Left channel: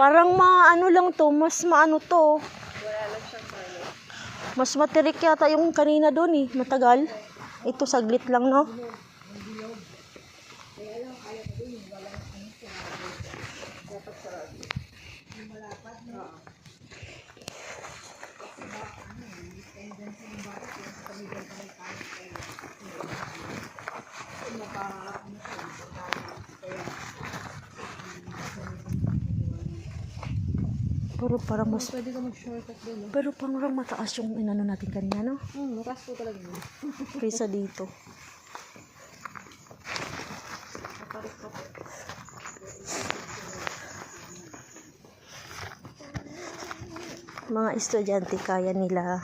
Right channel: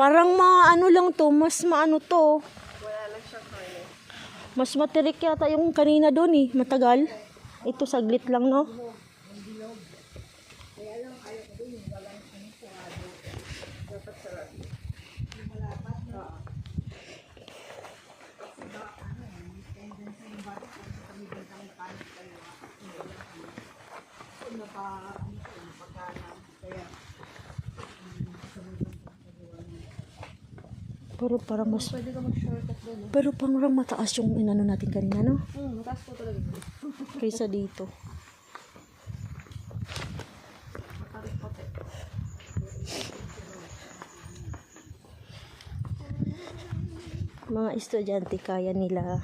Parang maano lang to, mas maano to. Wala lang siyang kanin. Mas matirik yata yung kanina doon eh, matagal. Ito saglit lang, no? Dapat sarado. Pero parang mas... Pwede ka mag-shortcut doon, no? Pero parang mataas yung inano natin kanina, no? Mataas po talaga. Kaysa dito. Naparik pa po. Mga estudyante kaya nila